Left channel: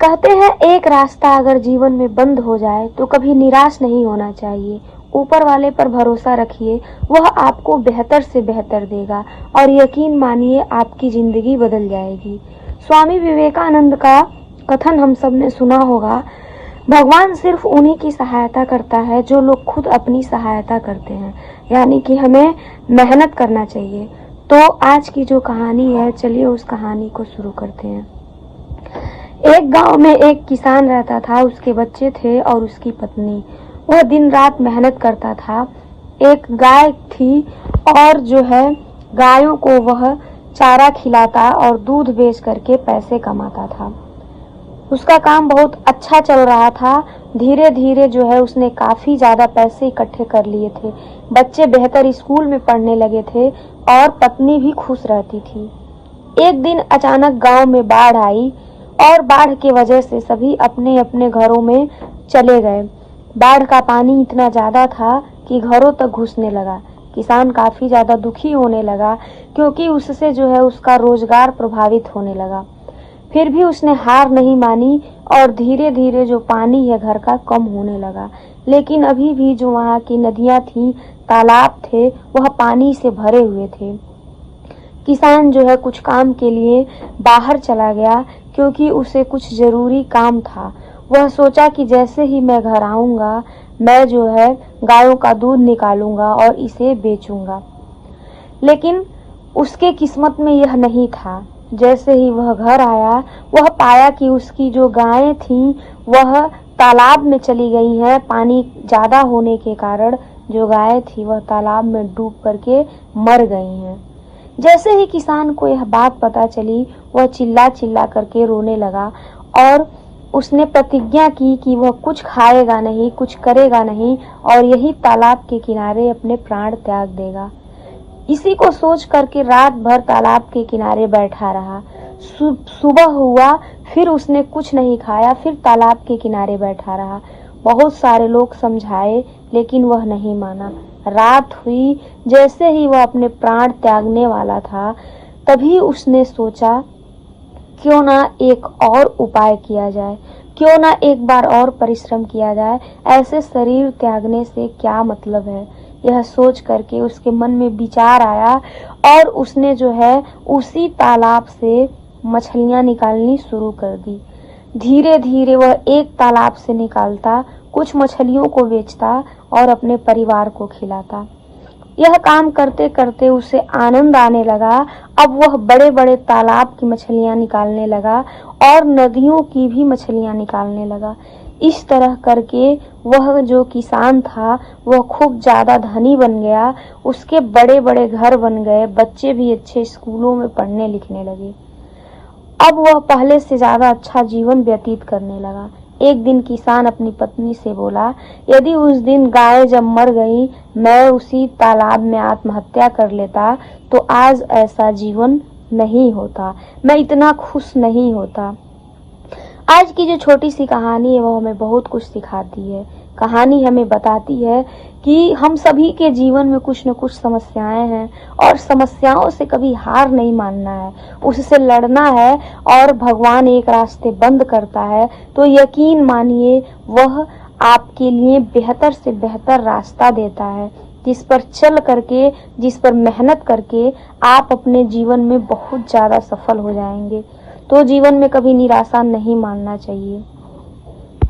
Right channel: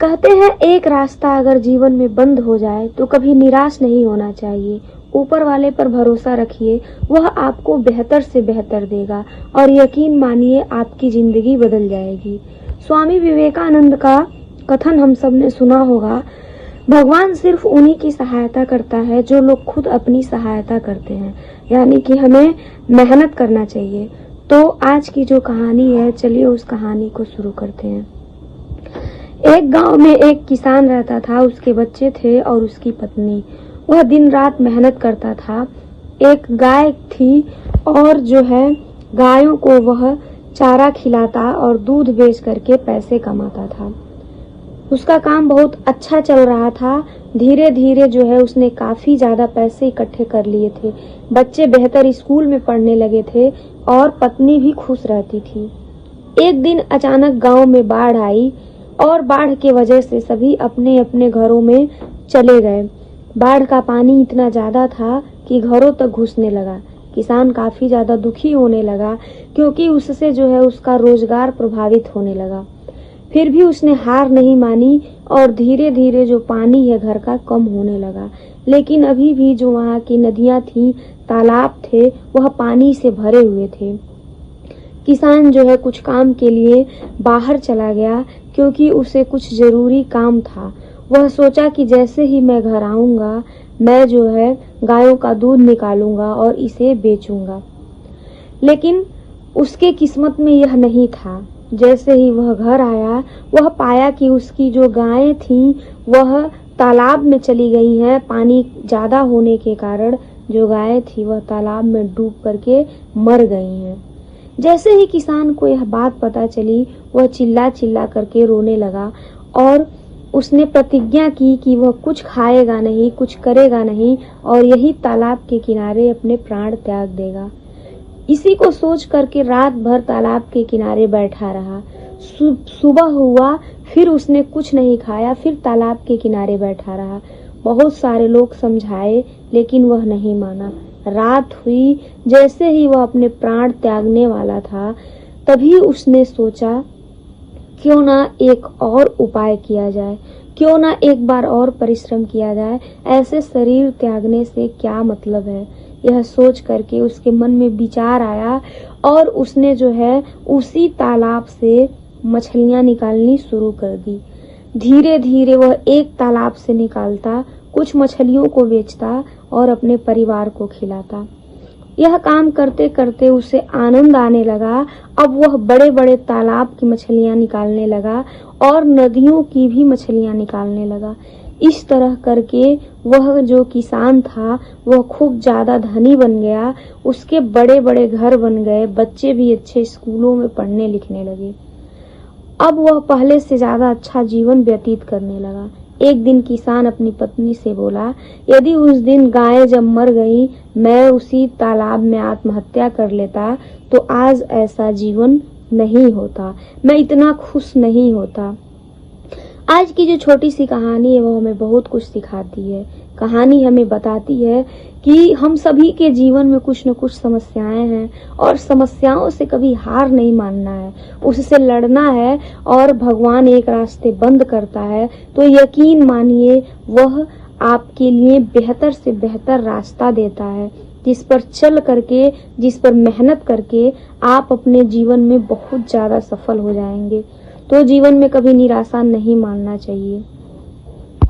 कहते हैं एक रास्ता अगर जीवन में बंद हो जाए तो कभी निराश नहीं होना चाहिए। ऊपर वाले पर भरोसा रखिए, वह आपको बेहतर से बेहतर देगा और यकीन मानिए आपकी जिंदगी बदल जाएगी। स्वामी विवेकानंद का कथन हम सब ने सुना होगा, भगवान सिर्फ उन्हीं की सहायता करता है जो लोग खुद अपनी सहायता करते हैं। यानी कि हमें मेहनत करना चाहिए। तो आज की जो कहानी है, चलिए उस कहानी को शुरू करते हैं। एक गांव में एक किसान रहता था, उसके बच्चे थे और उसकी पत्नी। वह दिन रात मेहनत करता था। एक गाय थी और जो है गायों को वह चारा खिलाता और दूध बेच करके पैसे कमाता था। उसका काम बहुत अच्छा चल रहा था। धीरे धीरे जो है उसने काफी ज्यादा पैसे इकट्ठे कर लिए थे। बच्चे बेहतर स्कूल में पढ़ने लगे थे और पत्नी भी खुश रहती थी। एक दिन अचानक गांव में बाढ़ आई और बाढ़ के वजह से सभी अपने अपने घरों में चले गए। बाढ़ का पानी इतना ज्यादा था कि घरों तक घुसने लगा। किसान काफी ज्यादा दुखी होने लगा क्योंकि उससे जो है उसका रोजगार प्रभावित होने लगा। फिर भी उसने हार नहीं मानी और धीरे धीरे जो पानी है घर का कम होने लगा। लेकिन अभी भी जो वहाँ की नदियां थी, तालाब थे, वह पानी से भरे हुए थे। किसान जो है कुछ काम के लिए बाहर चला गया क्योंकि उसे कुछ जरूरी काम था। वह सोचा कि जैसे ही मैं घर आऊंगा, मैं जो है गायों का दूध निकालूंगा और इसे बेचूंगा। लेकिन उसके किस्मत में यह नहीं था। जैसे ही वह घर आया, वह पाया कि उसकी जो गायें थीं वह तालाब में चली गई हैं। पानी ज्यादा होने के कारण जो गायें थी वह तालाब में डूब करके मर गई हैं। जैसे ही किसान को यह बात पता चली, वह चिल्ला चिल्ला करके रोने लगा और उसने प्रतिज्ञा की कि वह कुछ खाएगा नहीं, कुछ करेगा नहीं और यही तालाब के किनारे अपने प्राण त्याग देगा। इसी को सोच करके रात भर तालाब के किनारे बैठा रहा। सुबह हुआ, फिर उसने कुछ नहीं खाया, फिर तालाब के किनारे बैठा रहा। बहुत सारे लोग समझाए लेकिन वह नहीं माना। रात हुई, जैसे ही वह अपने प्राण त्यागने वाला था, तभी उसने सोचा क्यों ना एक और उपाय किया जाए, क्यों ना एक बार और परिश्रम किया जाए। ऐसे शरीर त्यागने से क्या मतलब है। यह सोच करके उसके मन में विचार आया और उसने जो है उसी तालाब से मछलियां निकालनी शुरू कर दी। धीरे धीरे वह एक तालाब से निकालता, कुछ मछलियों को बेचता और अपने परिवार को खिलाता। यह काम करते करते उसे आनंद आने लगा। अब वह बड़े बड़े तालाब की मछलियां निकालने लगा और नदियों की भी मछलियां निकालने लगा। इस तरह करके वह जो किसान था वह खूब ज्यादा धनी बन गया। उसके बड़े बड़े घर बन गए, बच्चे भी अच्छे स्कूलों में पढ़ने लिखने लगे। अब वह पहले से ज्यादा अच्छा जीवन व्यतीत करने लगा। एक दिन किसान अपनी पत्नी से बोला, यदि उस दिन गाय जब मर गई, मैं उसी तालाब में आत्महत्या कर लेता तो आज ऐसा जीवन नहीं होता, मैं इतना खुश नहीं होता। आज की जो छोटी सी कहानी है वो हमें बहुत कुछ सिखाती है। कहानी हमें बताती है कि हम सभी के जीवन में कुछ न कुछ समस्याएं हैं और समस्याओं से कभी हार नहीं मानना है, उससे लड़ना है। और भगवान एक रास्ते बंद करता है तो यकीन मानिए वह आपके लिए बेहतर से बेहतर रास्ता देता है, जिस पर चल करके, जिस पर मेहनत करके आप अपने जीवन में बहुत ज्यादा सफल हो जाएंगे। तो जीवन में कभी निराशा नहीं मानना चाहिए।